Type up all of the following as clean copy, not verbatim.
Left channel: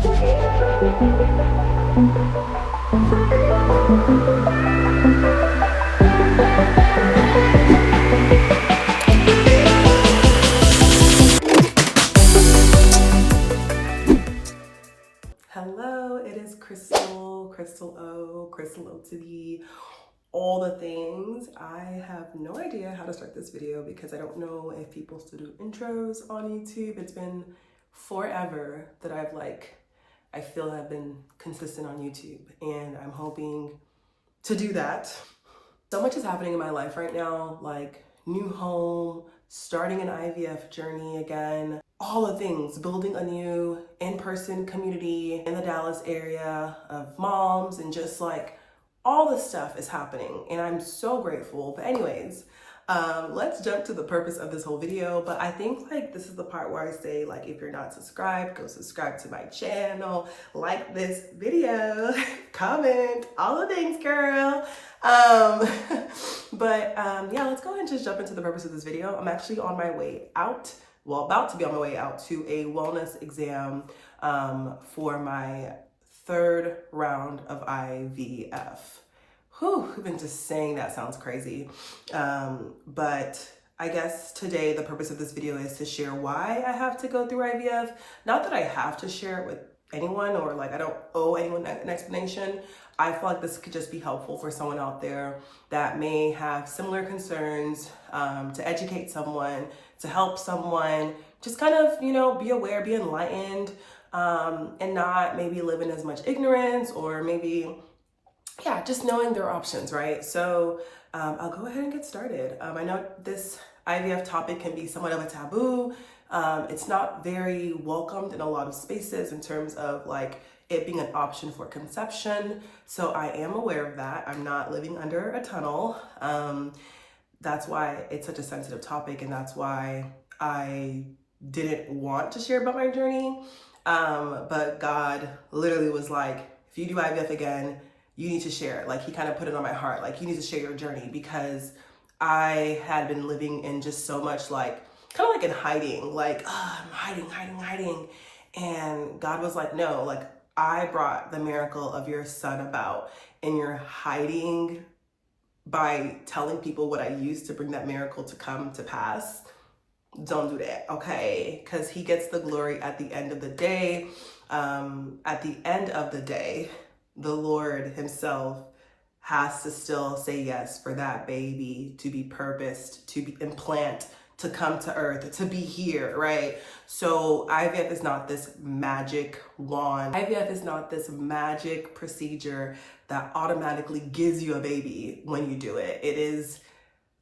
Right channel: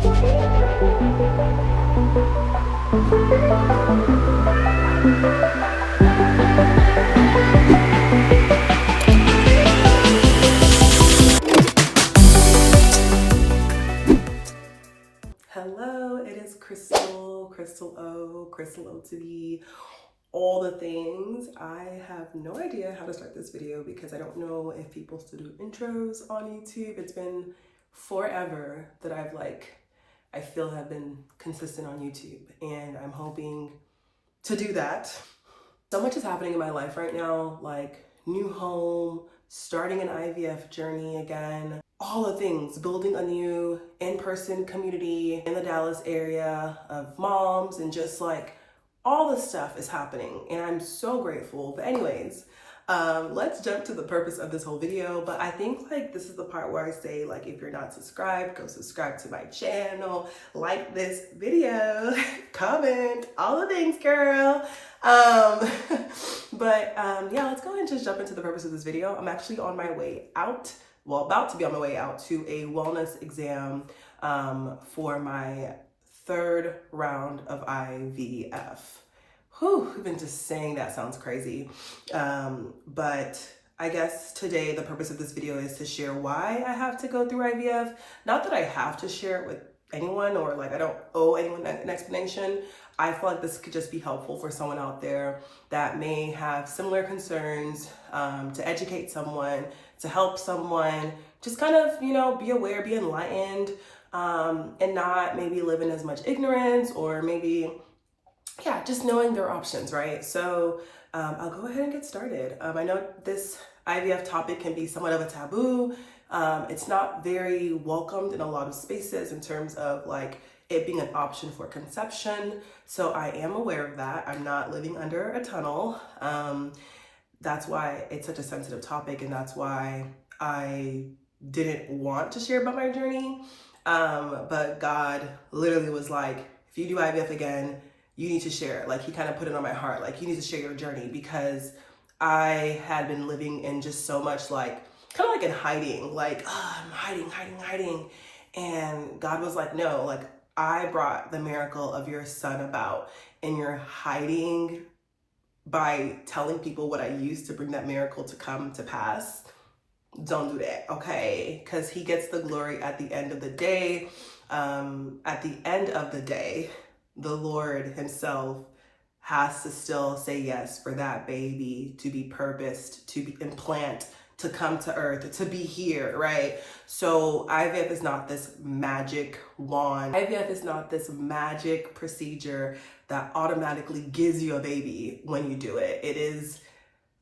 Hello, it is Crystal O to be all the things. I have no idea how to start this video because I don't know if people still do intros on YouTube. It's been forever that I feel I've been consistent on YouTube, and I'm hoping to do that. So much is happening in my life right now, like new home, starting an IVF journey again, all the things, building a new in-person community in the Dallas area of moms, and just like all the stuff is happening, and I'm so grateful. But anyways, let's jump to the purpose of this whole video. But I think like this is the part where I say, like, if you're not subscribed, go subscribe to my channel, like this video, comment, all the things, girl. Yeah, let's go ahead and just jump into the purpose of this video. I'm actually on my way out, well, about to be on my way out to a wellness exam for my third round of IVF. Whew, even just saying that sounds crazy. But I guess today the purpose of this video is to share why I have to go through IVF. Not that I have to share it with anyone, or like I don't owe anyone an explanation. I feel like this could just be helpful for someone out there that may have similar concerns, to educate someone, to help someone, just kind of, you know, be aware, be enlightened, and not maybe live in as much ignorance, or maybe, yeah, just knowing their options, right? So I'll go ahead and get started. I know this IVF topic can be somewhat of a taboo. It's not very welcomed in a lot of spaces in terms of like it being an option for conception. So I am aware of that. I'm not living under a tunnel. That's why it's such a sensitive topic, and that's why I didn't want to share about my journey. But God literally was like, if you do IVF again, you need to share it. Like, he kind of put it on my heart, like, you need to share your journey, because I had been living in just so much like, kind of like in hiding, like, I'm hiding. And God was like, no, like, I brought the miracle of your son about, and you're hiding by telling people what I used to bring that miracle to come to pass. Don't do that, okay? Because he gets the glory at the end of the day. At the end of the day, the Lord himself has to still say yes for that baby to be purposed, to be implant, to come to earth, to be here, right? So IVF is not this magic wand. IVF is not this magic procedure that automatically gives you a baby when you do it. It is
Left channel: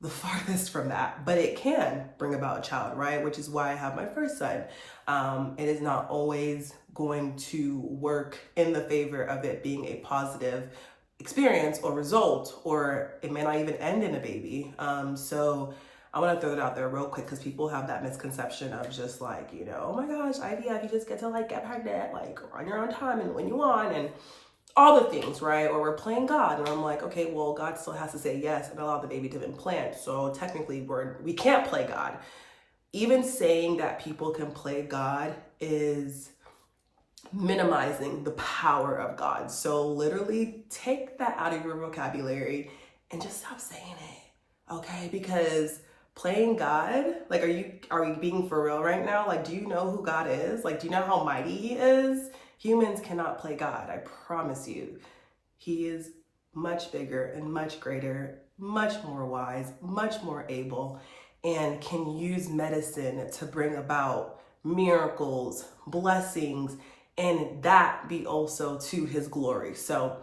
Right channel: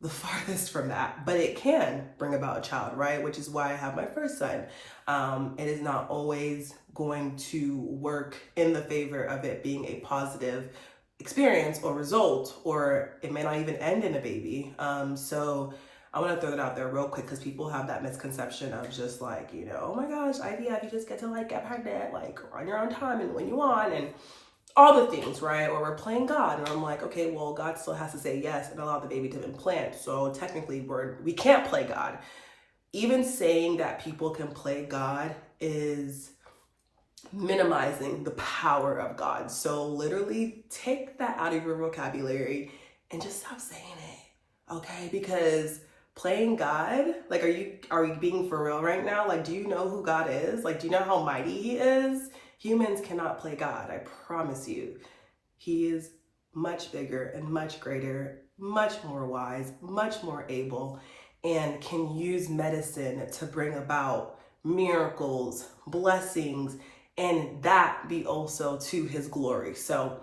the farthest from that, but it can bring about a child, right? Which is why I have my first son. It is not always going to work in the favor of it being a positive experience or result, or it may not even end in a baby. So I want to throw that out there real quick, because people have that misconception of just like, you know, oh my gosh, IVF, you just get to like get pregnant like on your own time and when you want, and all the things, right? Or we're playing God. And I'm like, okay, well, God still has to say yes and allow the baby to implant. So technically we can't play God. Even saying that people can play God is minimizing the power of God. So literally take that out of your vocabulary and just stop saying it, okay? Because playing God, like, are we being for real right now? Like, do you know who God is? Like, do you know how mighty he is? Humans cannot play God, I promise you. He is much bigger and much greater, much more wise, much more able, and can use medicine to bring about miracles, blessings, and that be also to his glory. So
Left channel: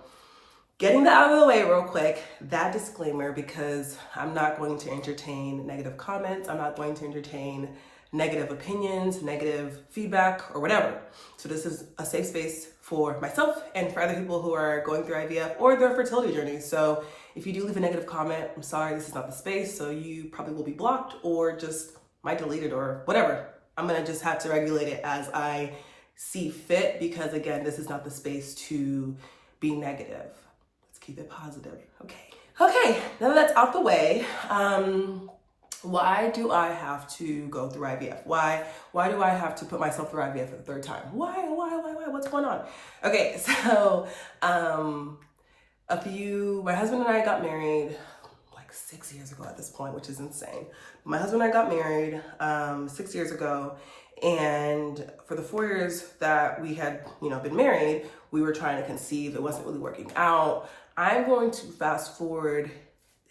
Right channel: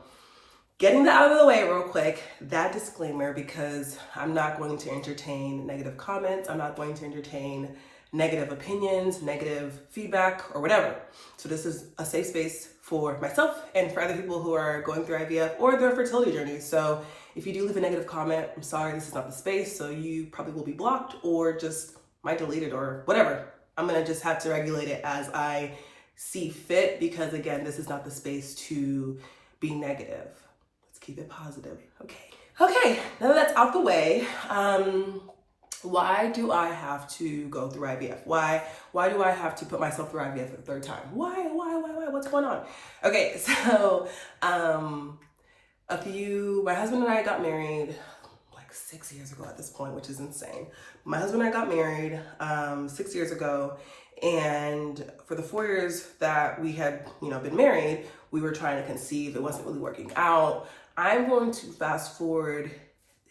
getting that out of the way real quick, that disclaimer, because I'm not going to entertain negative comments. I'm not going to entertain negative opinions, negative feedback, or whatever. So this is a safe space for myself and for other people who are going through IVF or their fertility journey. So if you do leave a negative comment, I'm sorry, this is not the space. So you probably will be blocked or just might delete it or whatever. I'm gonna just have to regulate it as I see fit, because again, this is not the space to be negative. Let's keep it positive, okay? Okay, now that that's out the way, why do I have to go through IVF? Why do I have to put myself through IVF for the third time? Why? What's going on? Okay, so my husband and I got married like 6 years ago at this point, which is insane. My husband and I got married 6 years ago, and for the 4 years that we had, been married, we were trying to conceive. It wasn't really working out. I'm going to fast forward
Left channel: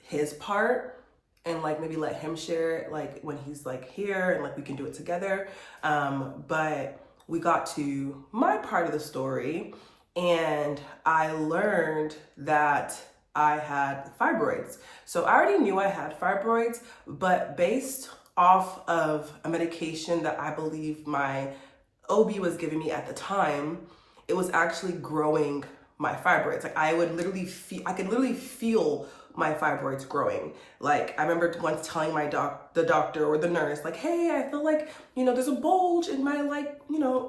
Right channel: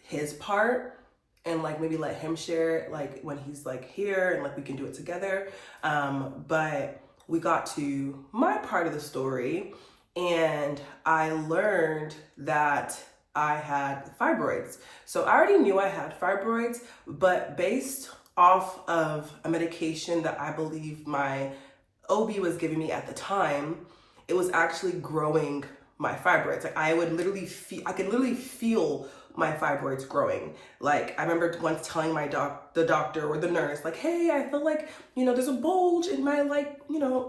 his part and like maybe let him share it like when he's like here and like we can do it together. But we got to my part of the story and I learned that I had fibroids. So I already knew I had fibroids, but based off of a medication that I believe my OB was giving me at the time, it was actually growing my fibroids. Like I could literally feel my fibroids growing. Like I remember once telling the doctor or the nurse, like, hey, I feel like, there's a bulge in my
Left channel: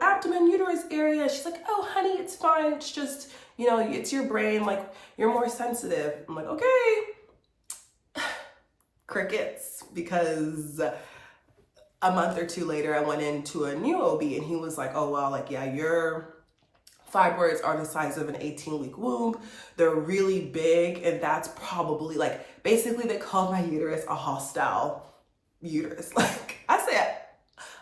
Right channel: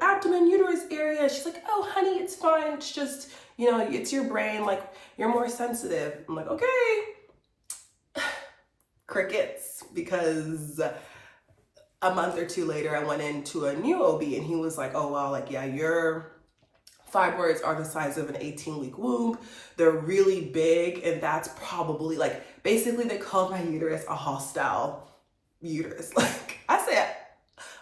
abdomen, uterus area. She's like, oh honey, it's fine. It's just, it's your brain. Like you're more sensitive. I'm like, okay. Crickets, because a month or two later, I went into a new OB and he was like, oh, well, like, yeah, your fibroids are the size of an 18-week womb. They're really big. And that's probably like, basically they called my uterus a hostile uterus. Like I said,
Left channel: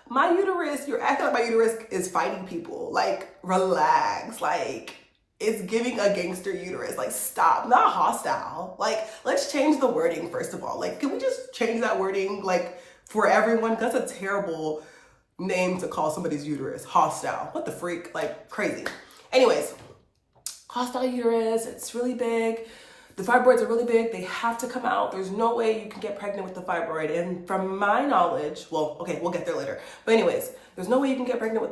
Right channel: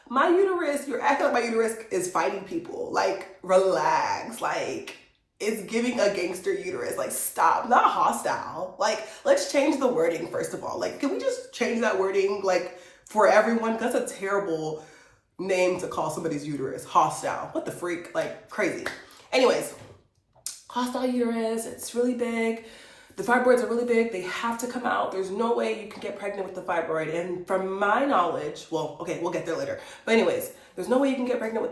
my uterus, you're acting like my uterus is fighting people. Like relax. Like it's giving a gangster uterus. Like stop, not hostile. Like let's change the wording first of all. Like can we just change that wording like for everyone? That's a terrible name to call somebody's uterus. Hostile. What the freak? Like crazy. Anyways, hostile uterus, it's really big. The fibroids are really big. They have to come out. There's no way you can get pregnant with the fibroid. And from my knowledge, well, okay, we'll get there later. But anyways, there's no way you can get pregnant with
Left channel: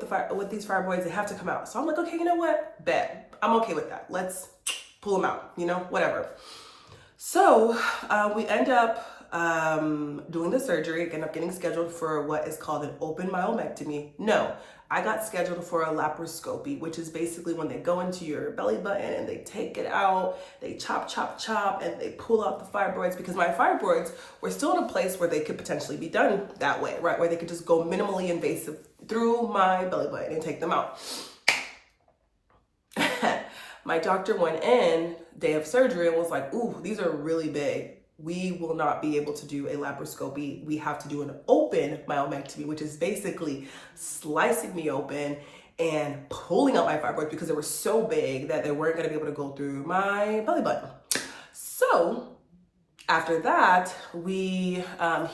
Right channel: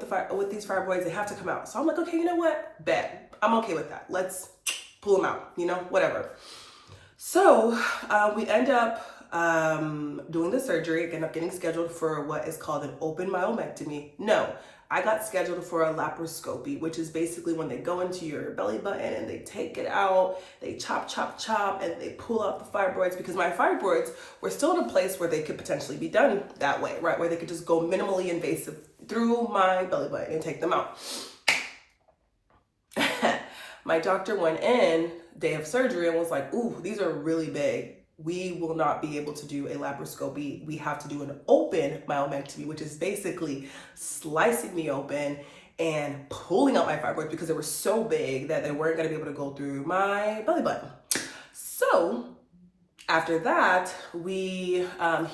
these fibroids. They have to come out. So I'm like, okay, you know what? Bet. I'm okay with that. Let's pull them out, whatever. So we end up doing the surgery, end up getting scheduled for what is called an open myomectomy. No, I got scheduled for a laparoscopy, which is basically when they go into your belly button and they take it out, they chop, and they pull out the fibroids, because my fibroids were still in a place where they could potentially be done that way, right? Where they could just go minimally invasive through my belly button and take them out. My doctor went in day of surgery and was like, ooh, these are really big. We will not be able to do a laparoscopy. We have to do an open myomectomy, which is basically slicing me open and pulling out my fibroids because they were so big that they weren't going to be able to go through my belly button. So after that, he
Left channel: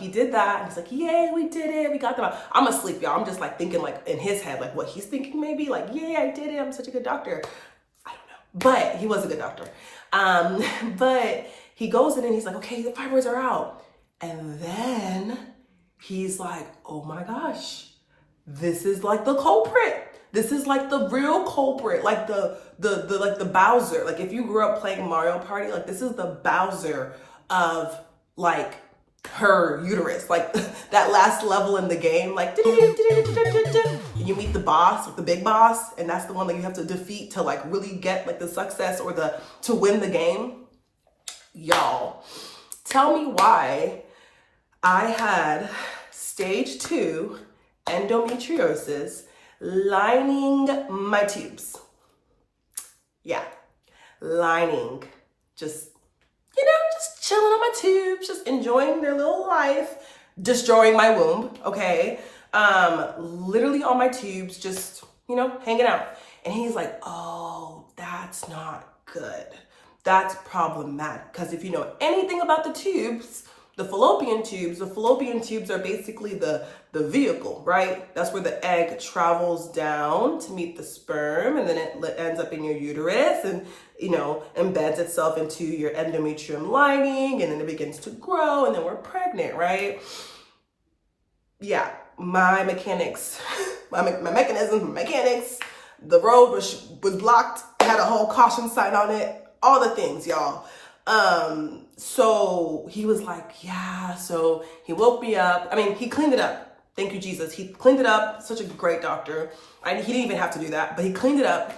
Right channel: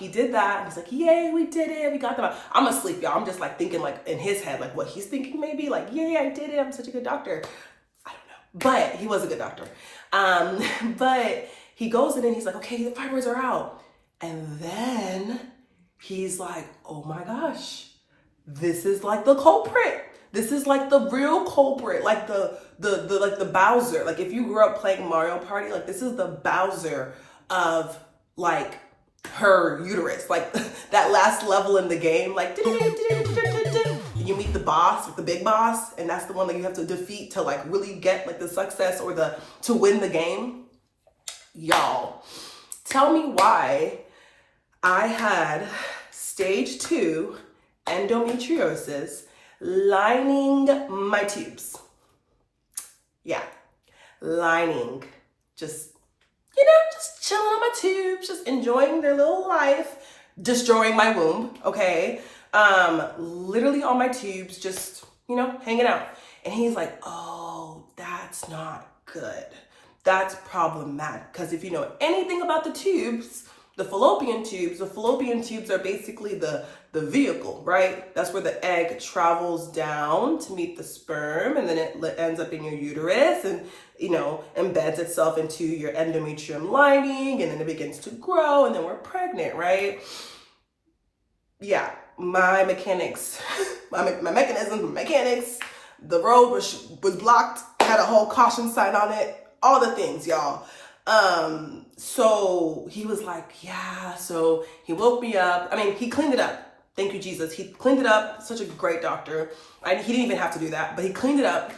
did that. And he's like, yay, we did it. We got them out. I'm asleep, y'all. I'm just like thinking like in his head, like what he's thinking maybe like, yay, I did it. I'm such a good doctor. I don't know, but he was a good doctor. But he goes in and he's like, okay, the fibroids are out. And then he's like, oh my gosh, this is like the culprit. This is like the real culprit, like the Bowser. Like if you grew up playing Mario Party, like this is the Bowser of like her uterus, like that last level in the game, like you meet the boss, like the big boss, and that's the one that you have to defeat to like really get like the success or to win the game. Y'all, tell me why I had stage 2 endometriosis lining my tubes. Yeah, lining. Just chilling on my tubes, just enjoying their little life, destroying my womb, okay? Literally on my tubes, just, hanging out. And he's like, oh, that's not good. That's problematic, because if you know anything about the tubes, the fallopian tubes are basically the vehicle, right? That's where the egg travels down to meet the sperm, and then it ends up in your uterus and, embeds itself into your endometrium lining, and then it begins to grow, and then we're pregnant, right? Yeah, my mechanics, the road was blocked, had a whole caution sign on it, all the things, y'all. So he was like, yeah, so he woke me up. I mean, he cleaned it up. Thank you, Jesus. He cleaned it up. Such a great doctor. He didn't even have to do that, but he cleaned it up.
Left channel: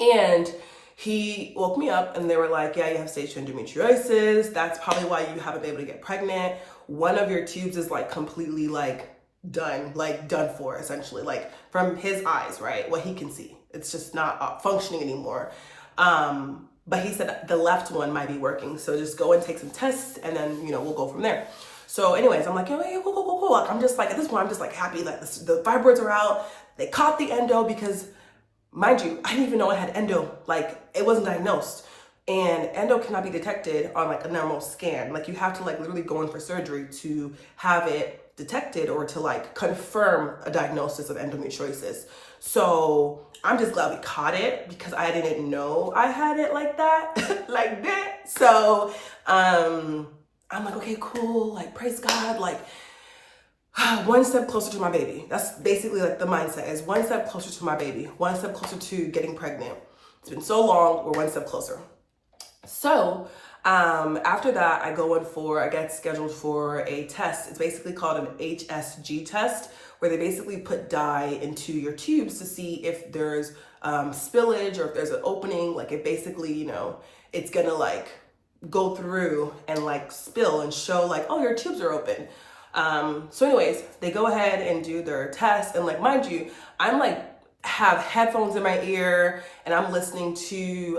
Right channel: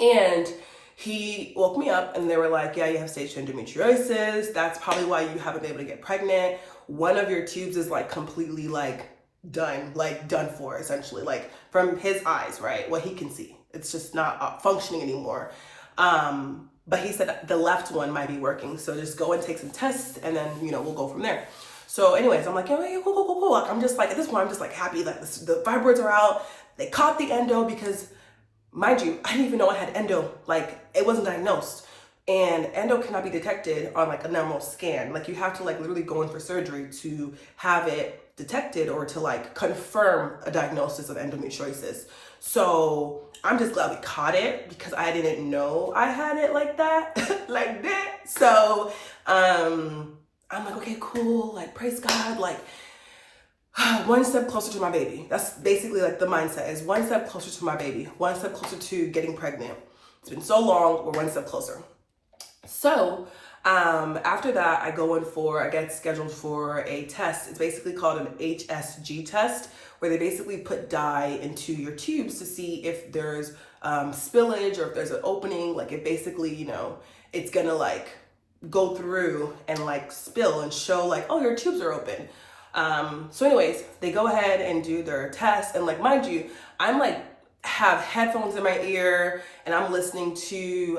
And he woke me up and they were like, yeah, you have stage 2 endometriosis. That's probably why you haven't been able to get pregnant. one of your tubes is like completely like done for, essentially, like from his eyes, right? What he can see. It's just not functioning anymore. But he said the left one might be working. So just go and take some tests and then, we'll go from there. So anyways, I'm like, hey, cool. Like, I'm just like, at this point, I'm just like happy that the fibroids are out. They caught the endo because, mind you, I didn't even know I had endo. Like, it wasn't diagnosed. And endo cannot be detected on like a normal scan. Like, you have to like literally go in for surgery to have it detected or to like confirm a diagnosis of endometriosis. So I'm just glad we caught it because I didn't know I had it like that, like that. So I'm like, okay, cool. Like, praise God. Like, one step closer to my baby. That's basically like the mindset is one step closer to my baby, one step closer to getting pregnant. It's been so long, we're one step closer. So after that, I get scheduled for a test. It's basically called an HSG test, where they basically put dye into your tubes to see if there's spillage or if there's an opening. Like, it basically, it's gonna like go through and like spill and show like, oh, your tubes are open. So anyways, they go ahead and do their test, and like, mind you, I'm like have headphones in my ear and I'm listening to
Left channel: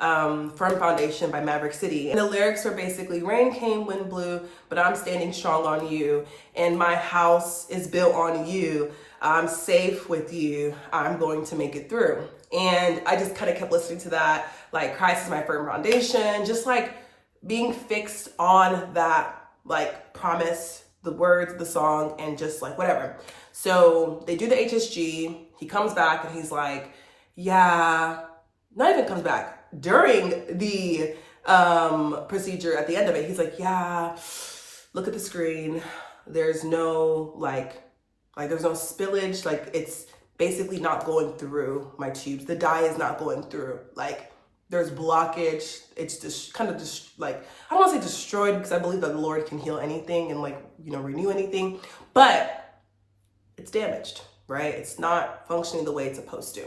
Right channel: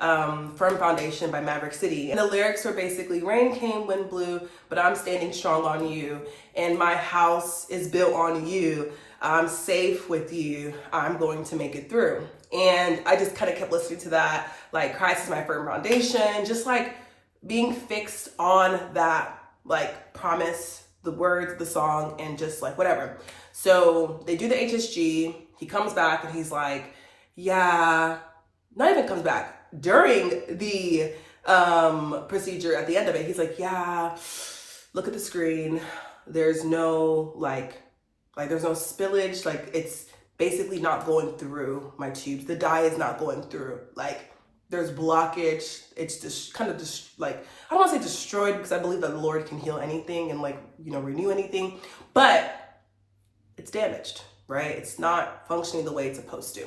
Firm Foundation by Maverick City, and the lyrics are basically, rain came, wind blew, but I'm standing strong on you, and my house is built on you. I'm safe with you. I'm going to make it through. And I just kind of kept listening to that, like, Christ is my firm foundation, just like being fixed on that like promise, the words, the song, and just like whatever. So they do the HSG. He comes back and he's like, yeah, not even comes back. During the procedure, at the end of it, he's like, yeah, look at the screen. There's no there's no spillage. Like, it's basically not going through my tubes. The dye is not going through. Like, there's blockage. It's just kind of just like, I don't want to say destroyed because I believe that the Lord can heal anything and like, renew anything, but it's damaged, right? It's not functioning the way it's supposed to.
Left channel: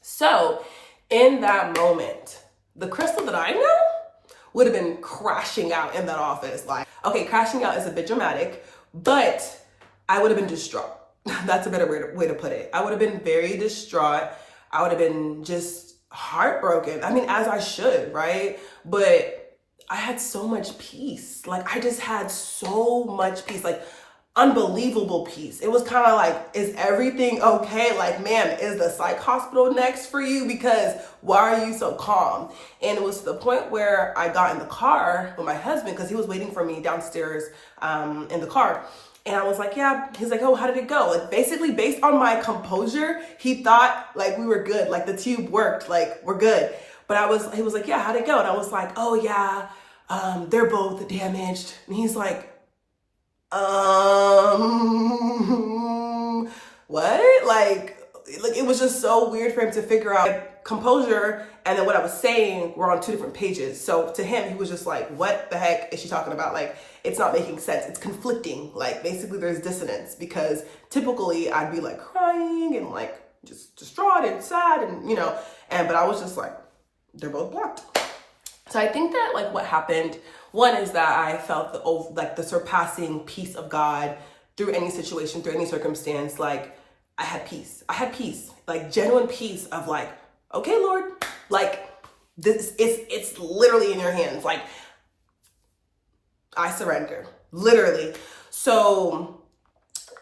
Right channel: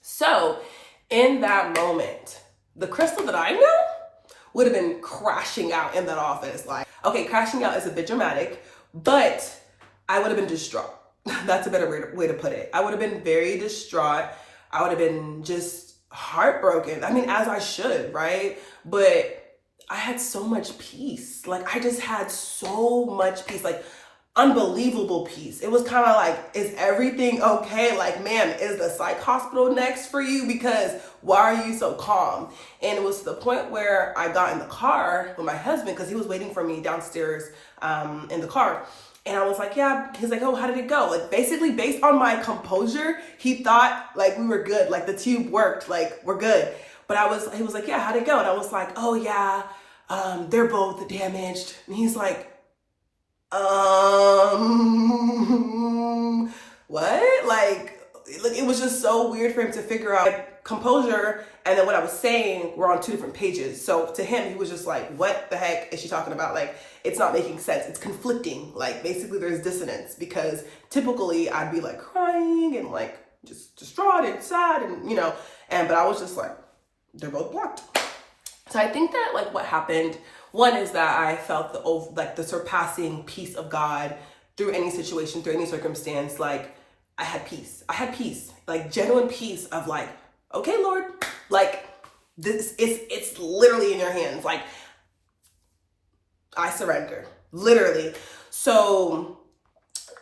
So in that moment, the Crystal that I know would have been crashing out in that office. Like, okay, crashing out is a bit dramatic, but I would have been distraught. That's a better way to put it. I would have been very distraught. I would have been just heartbroken. I mean, as I should, right? But I had so much peace. Like, I just had so much peace, like unbelievable peace. It was kind of like, is everything okay? Like, ma'am, is the psych hospital next for you? Because why are you so calm? And it was to the point where I got in the car with my husband because he was waiting for me downstairs in the car. And I was like, yeah. He's like, oh, how did it go? Like, basically based on my composure, he thought like we were good. Like, the tube worked, like we're good. But he was like, yeah, how'd it go? And I was like, oh yeah, they're both damaged. And he's like, what? Like, it was just so weird for him to figure out composure and then what I was saying were on two different pages. So to him, he was just like, what the heck is she talking about? Like, it's not making sense. It's conflicting. Like, basically there's dissonance, because typically I'd be like crying and like just distraught and sad and, but I was just like, they're both blocked. So I think that like what happened, one is that I felt the surpassing peace of God through any situation, through any circumstance. Like, I had peace, like genuine peace of like, okay, Lord, like it's literally in your hands. Like, I surrender, literally. So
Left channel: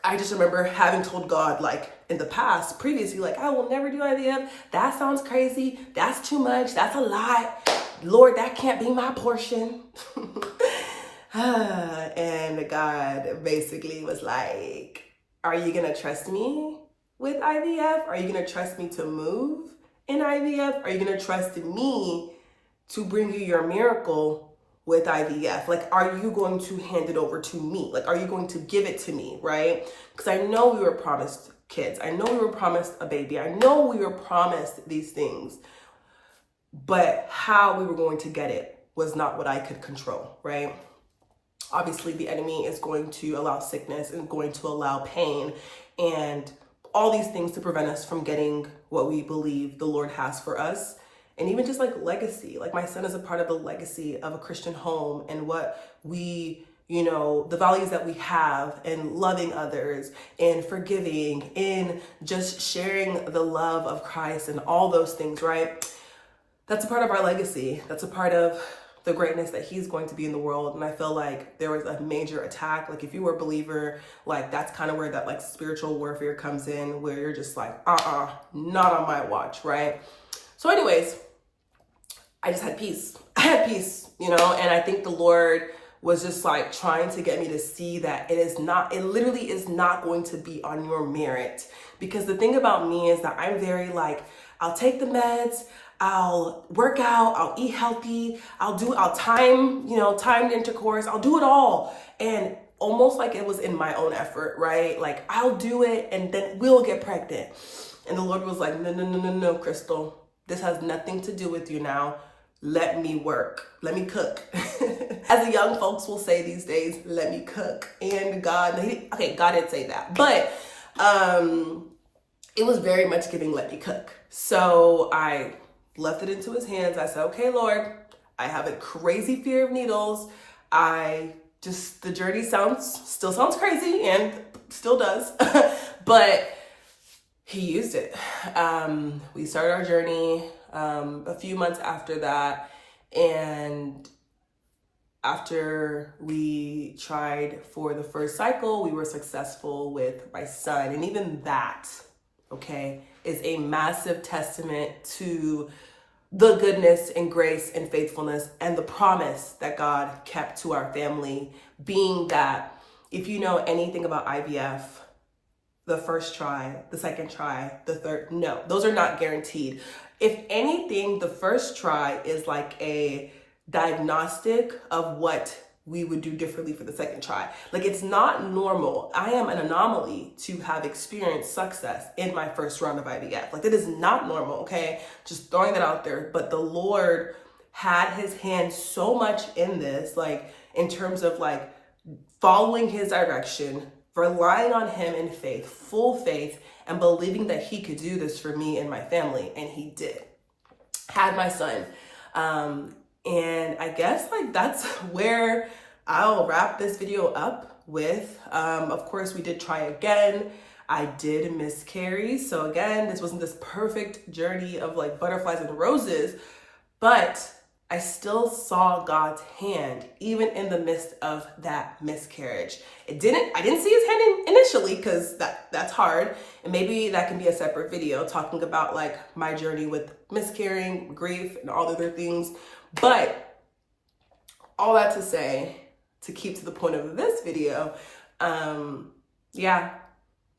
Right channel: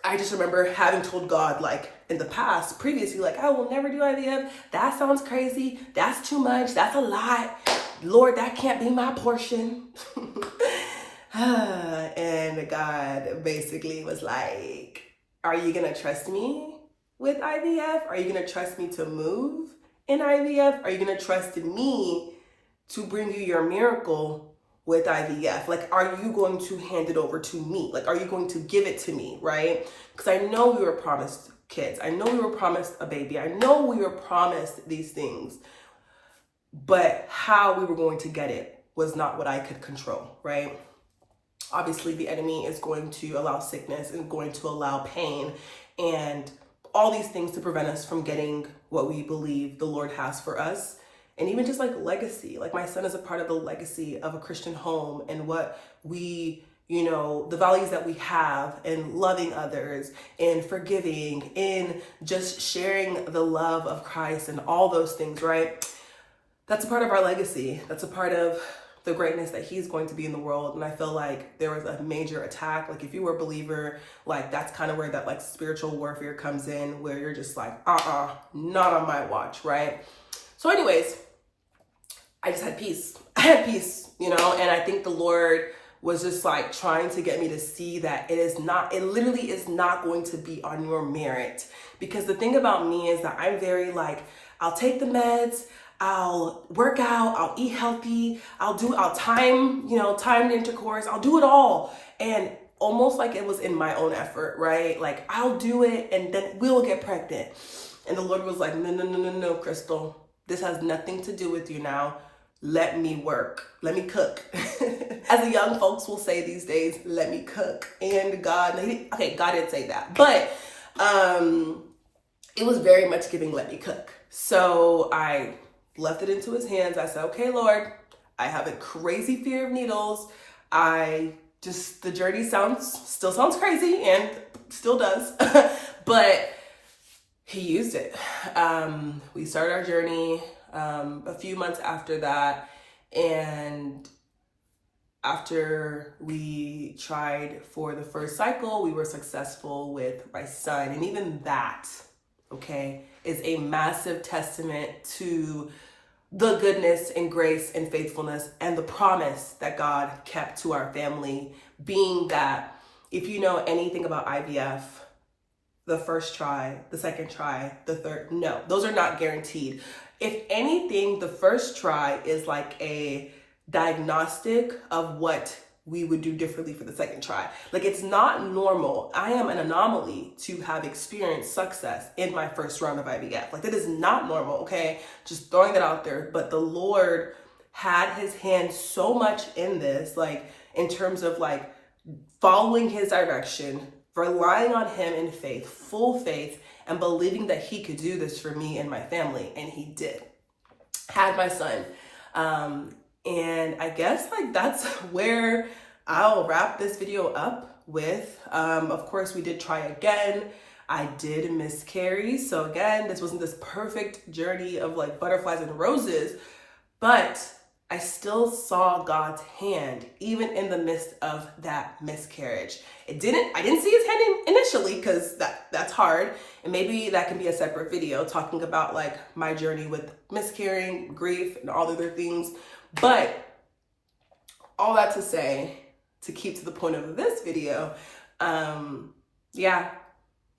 I just remember having told God, like in the past, previously, like, I will never do IVF. That sounds crazy. That's too much. That's a lot. Lord, that can't be my portion. And God basically was like, are you going to trust me with IVF? Are you going to trust me to move in IVF? Are you going to trust me to bring you your miracle with IVF? Like, are you going to hand it over to me? Like, are you going to give it to me, right? Because I know we were promised kids. I know we were promised a baby. I know we were promised these things. But how we were going to get it was not what I could control, right? Obviously, the enemy is going to allow sickness and going to allow pain and all these things to prevent us from getting what we believe the Lord has for us. And even just like legacy, like my son is a part of the legacy of a Christian home and what we you know, the values that we have in loving others, in forgiving, in just sharing the love of Christ and all those things, right? That's a part of our legacy. That's a part of the greatness that he's going to be in the world. And I feel like there was a major attack. Like if you were a believer, like that's kind of where that like spiritual warfare comes in, where you're just like, not on my watch, right? So anyways, I just had peace. I had peace, you know, and I think the Lord was just like trying to get me to see that it literally is not going to be on your merit. Because the thing about me is that I'm very like, I'll take the meds, I'll work out, I'll eat healthy, I'll timed intercourse, I'll do it all. And almost like it was in my own effort, right? Like I'll do it and then we'll get pregnant. And the Lord was like, no, Crystal, this has nothing to do with you now. Let me work. Let me cook. As the young folks will say these days, let me cook. And God didn't say that. But it was very much giving let me cook. So I left it into his hands. I said, okay, Lord, I have a crazy fear of needles. The journey still sounds crazy and still does. But he used it. We started our journey a few months after that, and after we tried for the first cycle, we were successful with my son. And even that, okay, is a massive testament to the goodness and grace and faithfulness and the promise that God kept to our family, being that if you know anything about IVF, the first try, the second try, the third, no, those are not guaranteed. If anything, the first try is like a diagnostic of what we would do differently for the second try. Like it's not normal. I am an anomaly to have experienced success in my first round of IVF. Like that is not normal, okay? Just throwing that out there. But the Lord had his hand so much in this, like in terms of like following his direction, relying on him in faith, full faith, and believing that he could do this for me and my family. And he did. Had my son. And I guess like that's where I'll wrap this video up with. Of course, we did try again. I did miscarry. So again, this wasn't this perfect journey of like butterflies and roses, but I still saw God's hand even in the midst of that miscarriage. I didn't see his hand initially because that's hard. And maybe that can be a separate video talking about like my journey with miscarrying, grief, and all the other things. But all that to say, to keep to the point of this video, yeah,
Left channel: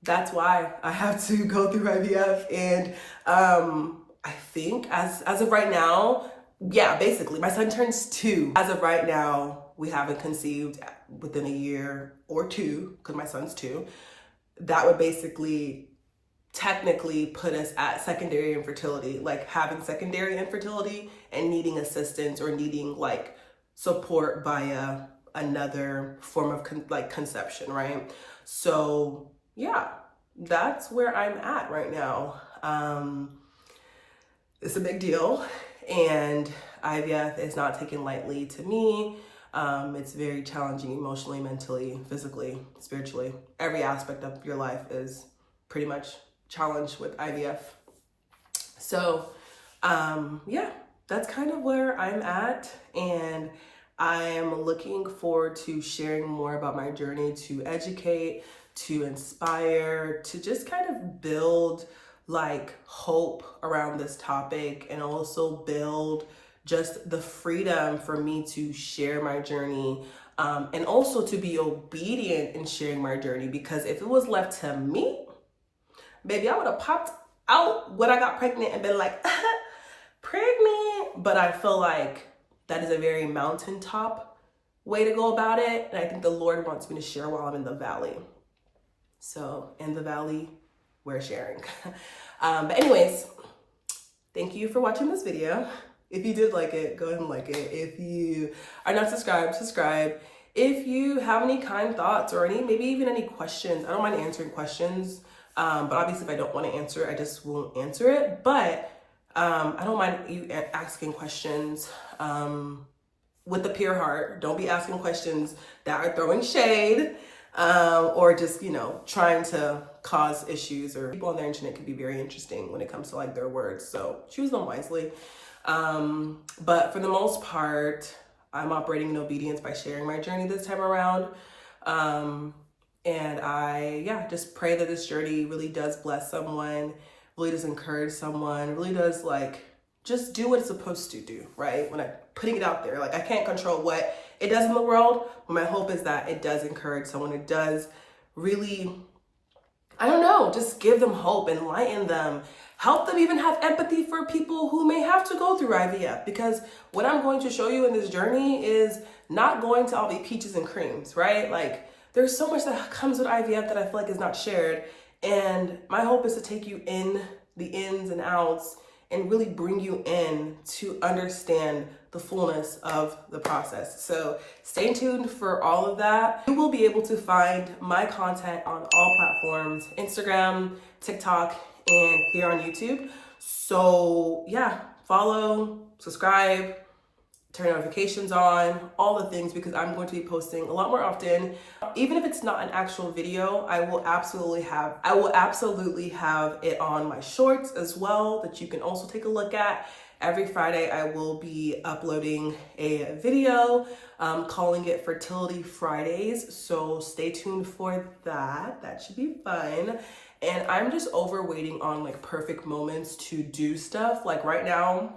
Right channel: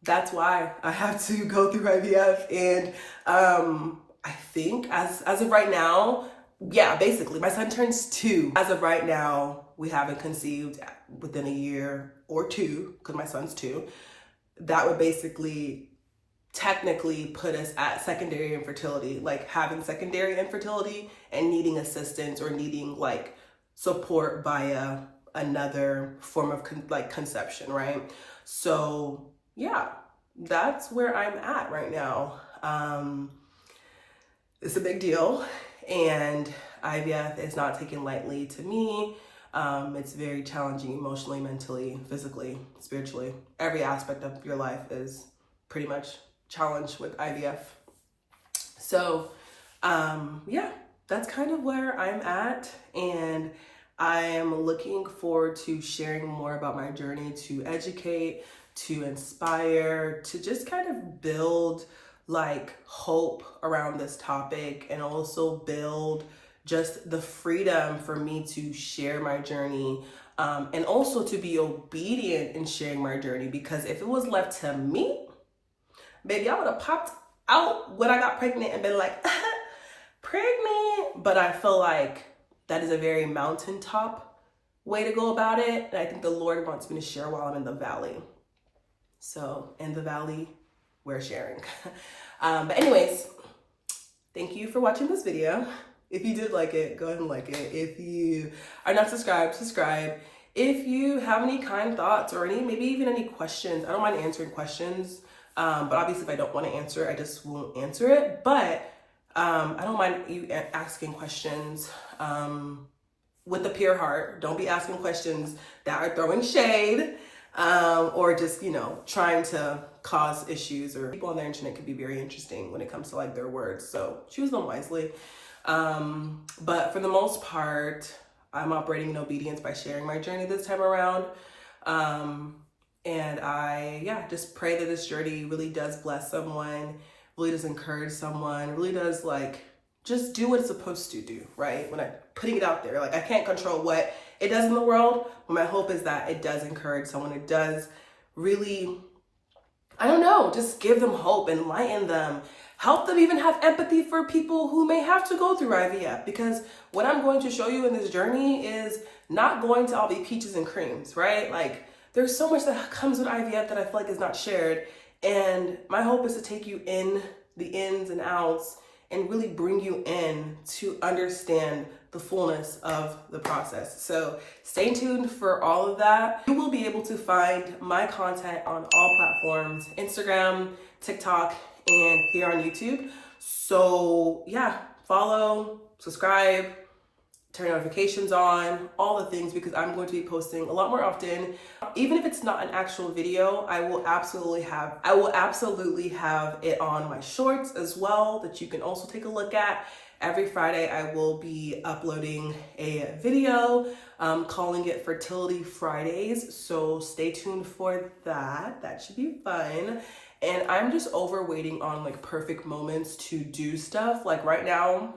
that's why I have to go through IVF. And I think as of right now, yeah, basically my son turns 2. As of right now, we haven't conceived within a year or 2 because my son's 2. That would basically technically put us at secondary infertility, like having secondary infertility and needing assistance or needing like support via another form of conception, right? So yeah, that's where I'm at right now. It's a big deal, and IVF is not taken lightly to me. It's very challenging emotionally, mentally, physically, spiritually. Every aspect of your life is pretty much challenged with IVF. So yeah, that's kind of where I'm at, and I am looking forward to sharing more about my journey, to educate, to inspire, to just kind of build like hope around this topic, and also build just the freedom for me to share my journey, and also to be obedient in sharing my journey. Because if it was left to me, baby, I would have popped out when I got pregnant and been like, pregnant. But I feel like that is a very mountaintop way to go about it. And I think the Lord wants me to share while I'm in the valley. So in the valley, we're sharing. But anyways, thank you for watching this video. If you did like it, go ahead and like it. If you are not subscribed, subscribe. If you have any kind thoughts or maybe even any questions, I don't mind answering questions. But obviously if I don't want to answer it, I just won't answer it. But I don't mind you asking questions. with a pure heart. Don't be asking questions that are throwing shade or just, you know, trying to cause issues. Or people on the internet can be very interesting when it comes to like their words. So choose them wisely. But for the most part, I'm operating in obedience by sharing my journey this time around. And I, just pray that this journey really does bless someone, really does encourage someone, really does like, just do what it's supposed to do, right? When I'm putting it out there, like I can't control what it does in the world, but my hope is that it does encourage someone. It does really, I don't know, just give them hope, enlighten them, help them even have empathy for people who may have to go through IVF, because what I'm going to show you in this journey is not going to all be peaches and creams, right? Like there's so much that comes with IVF that I feel like is not shared. And my hope is to take you in the ins and outs and really bring you in to understand the fullness of the process. So stay tuned for all of that. You will be able to find my content on all platforms, Instagram, TikTok, and here on YouTube. So yeah, follow, subscribe, turn notifications on, all the things, because I'm going to be posting a lot more often. Even if it's not an actual video, I will absolutely have it on my shorts as well that you can also take a look at. Every Friday, I will be uploading a video, calling it Fertility Fridays. So stay tuned for that. That should be fun. And I'm just waiting on like perfect moments to do stuff. Like right now,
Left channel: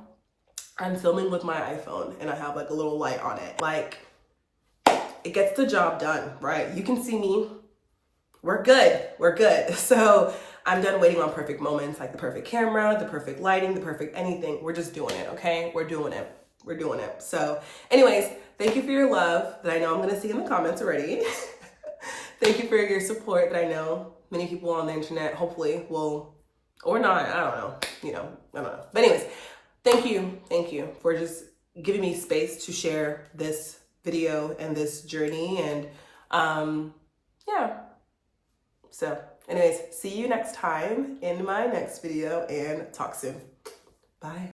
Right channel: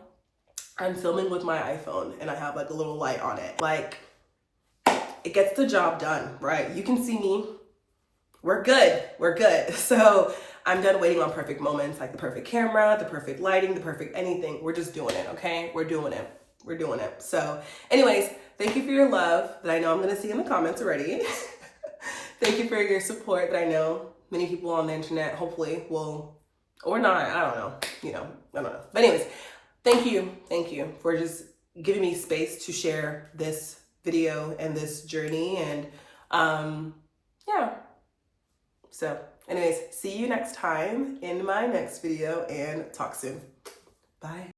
I'm filming with my iPhone and I have like a little light on it. Like it gets the job done, right? You can see me. We're good. We're good. So I'm done waiting on perfect moments, like the perfect camera, the perfect lighting, the perfect anything. We're just doing it, okay? We're doing it. We're doing it. So anyways, thank you for your love that I know I'm going to see in the comments already. Thank you for your support that I know many people on the internet hopefully will, or not, I don't know, I don't know. But anyways, thank you for just giving me space to share this video and this journey. And so anyways, see you next time in my next video and talk soon. Bye.